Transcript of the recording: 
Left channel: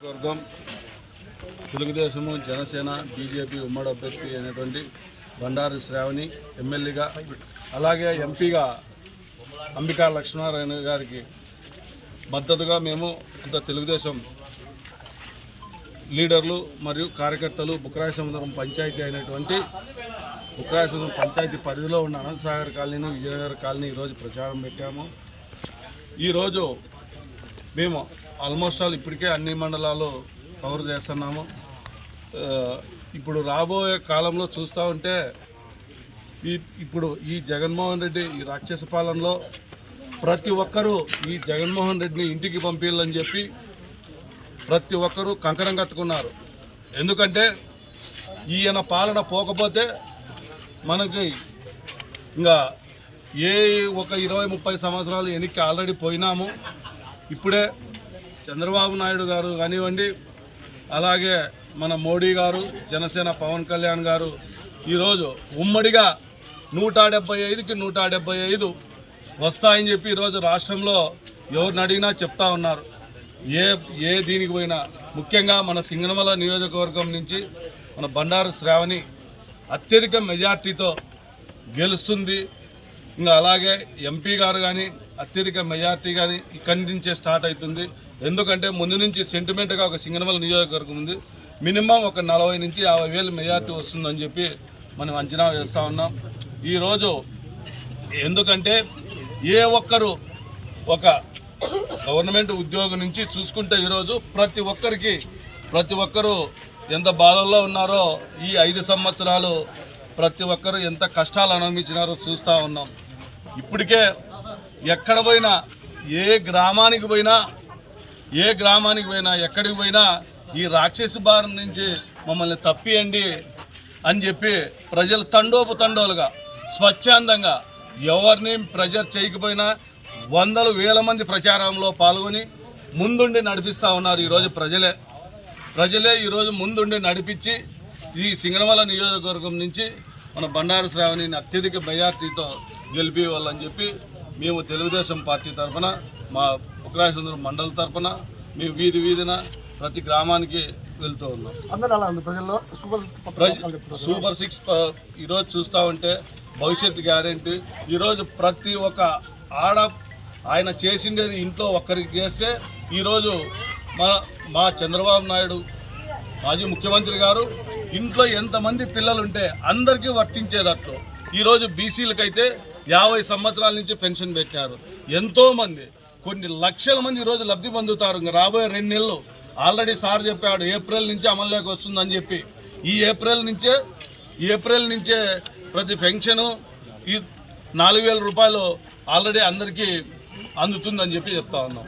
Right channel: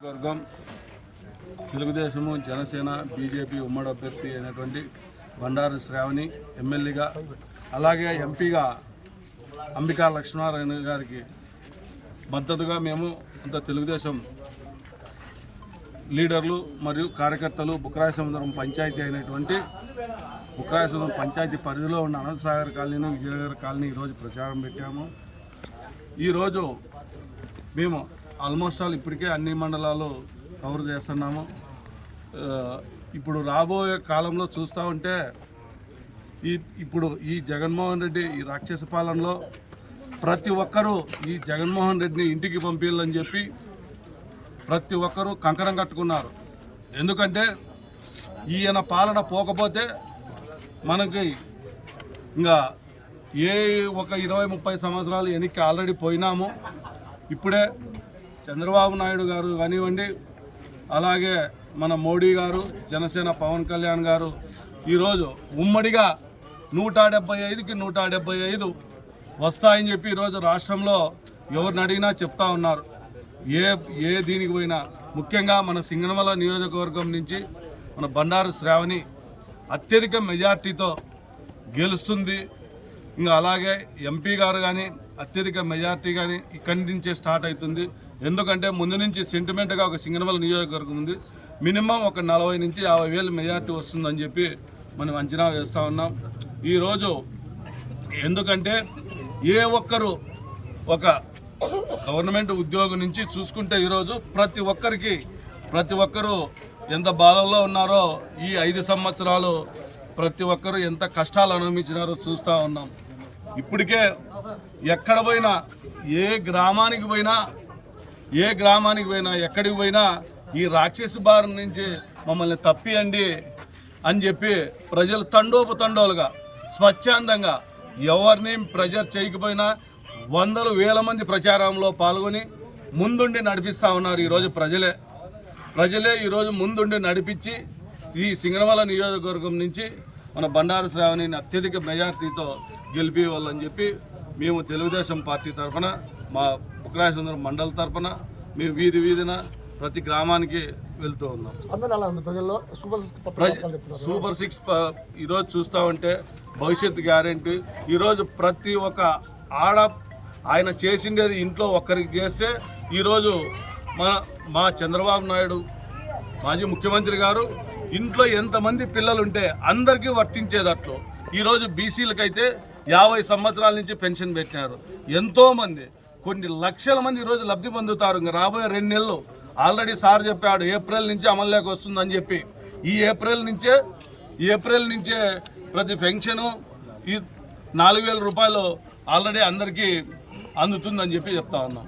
వర్గం తెలుగుదేశము జనసేన బీజేపీ ఉమ్మడి అభ్యర్థి అయినటువంటి బండారు శ్రావణి ఎమ్మెల్యేగా అలాగే ఎంపీగా అంబికా లక్ష్మణారాయణ గారికి మద్దతుగా మేము అంత తెలుగుదేశం లీడర్లు మరియు కార్యకర్తలు బుక్రాయ సముద్రం పంచాయతీ అయినటువంటి బుక్రాయ సముద్రం పంచాయతీ పరిధిలో ఉన్న అనంతసాగర్ కాలనీ విజయనగర్ కాలనీ ఈరోజు ప్రచారం పెట్టాము. ఈరోజు మేము ఆల్మోస్ట్ ఆల్ ఇప్పటికే అన్ని మండలాలు కవర్ చేస్తున్నాము. ఇప్పుడు రాబోయే కాలంలో చూస్తూ ఉంటే ఈ ఇప్పుడు ఈ జగన్మోహన్ రెడ్డి ఈ రాక్షస పాలనలో ప్రతి ఒక్కరూ ఈ జగన్మోహన్ రెడ్డిని ఇంటికి పంపించాలని చెప్పి ప్రతి ఒక్కరూ కంకణం కట్టుకున్నారు. ఎందుకంటే ఈయన పాలన పోకపోతే మనకి ఇంకా ఏ ఒక ఇరవై ముప్పై సంవత్సరాలు వెనక్కి ఆల్రెడీ పోయినాము. ఇప్పుడే చంద్రబాబు నాయుడు గారు కానివ్వండి అలాగే మన మోడీ గారు జనసేన పవన్ కళ్యాణ్ గారు ఈరోజు ఉమ్మడిగా నూట డెబ్బై ఐదుకి నూట డెబ్బై ఐదు వస్తాయని చెప్పి ఈరోజు రాష్ట్రంలో ఎవరిని అడిగినా చెప్తా ఉన్నారు. ఏ ఏ దీనికి పోయినా ముఖ్యంగా మన సింగనమల నియోజకవర్గం నుంచి మన బండారు శ్రావణి అత్యధిక మెజార్టీతో గెలుస్తుంది. ఇంకా అలాగే ఎంపీ గారు కానీ అత్యధిక మెజార్టీ కానీ ఇక్కడి నుంచే స్టార్ట్ అవుతుంది. ఎందుకంటే ముందు నుంచి సెంటిమెంట్గా ఒక సింగనమల నియోజకవర్గం ఉంది. మినిమం ఒక నలభై నుంచి యాభై వేలు మెజార్టీ వస్తుందని చెప్పి మనం అంచనా వేస్తూ ఉన్నాం. ఈరోజు ఎందుకంటే ఏ ఒక్కరు ఒక గవర్నమెంట్ ఉద్యోగం నుంచి చూసుకుంటే ఈరోజు ప్రతి ఒక్కరికి ప్రతి ఒక్కరూ ఎంత బాధల్లో ఉన్నారో ఈ ఐదు సంవత్సరాలు ప్రతి ఒక్కరూ ఎంత కష్టాలు అనుభవించినారో చూస్తూ ఉన్నాం. ఇప్పటికే ఎక్కడ పోయినా ఏ గ్రామానికి పోయినా ఏ గ్రామానికి పోయినా ఎక్కడికి పోయినా ఈ రాక్షసు బారి నుంచి మమ్మల్ని తప్పియండి అని చెప్పి ప్రజలు తండోపు తండోలుగా స్వచ్ఛందంగా ఎవరిని ప్రెజర్ చేయకపోయినా వందల వేల మంది ప్రచారంలో పాల్గొని ముందుండి నడిపిస్తూ ఉన్నారు ఈరోజు ప్రజలే. ప్రజలే ఈరోజు ముందుండి నడిపించి ఈ సింగనమల నియోజకవర్గం నుంచి మన బండారు శ్రావణిని అత్యధిక మెజార్టీతో గెలిపేవాళ్ళని చెప్పి మేము తెలుగుదేశం పార్టీ తరఫున మా బుక్రాయసుందరం మండలి తరఫున మేము వీధి వీధిన ప్రతి గ్రామానికి వెళ్తూ ఉన్నాం. ప్రజల్లో? సూపర్ సిక్స్ ఈరోజు చూస్తూ ఉంటే భవిష్యత్ గ్యారెంటీ. ఈరోజు ప్రతి ఒక్క ఆడ ఆయన చేసిండేది ఇంట్లో ఒక్కరికి చేస్తే ఈరోజు మన మా చంద్రబాబు నాయుడు మాజీ ముఖ్యమంత్రి గారు ఇంట్లో ఎంతమంది పిల్లలు ఉంటే అందరికీ వర్తించేదట్లు. ఈరోజు బీసీలకైతే యాభై సంవత్సరాల నుంచి పెన్షన్ పెట్టినారు. ఎంతోమంది. కొన్ని లక్షల మంది ఈరోజు లబ్ధి పొందుతారు. ఇంకా రాబోయే రెండు నెలలు ఆల్రెడీ సార్ చెప్పాడు ఏప్రిల్ నుంచి అమల్లోకి వస్తుందని చెప్పి. ఈ ఏప్రిల్ నుంచే ఈ ఏప్రిల్ నుంచే ప్రతి పెన్షను ఈ నాలుగు వేల రూపాయలు ఆల్రెడీ అందరికీ అందుతుందని చెప్పి చెప్తా ఉన్నాం.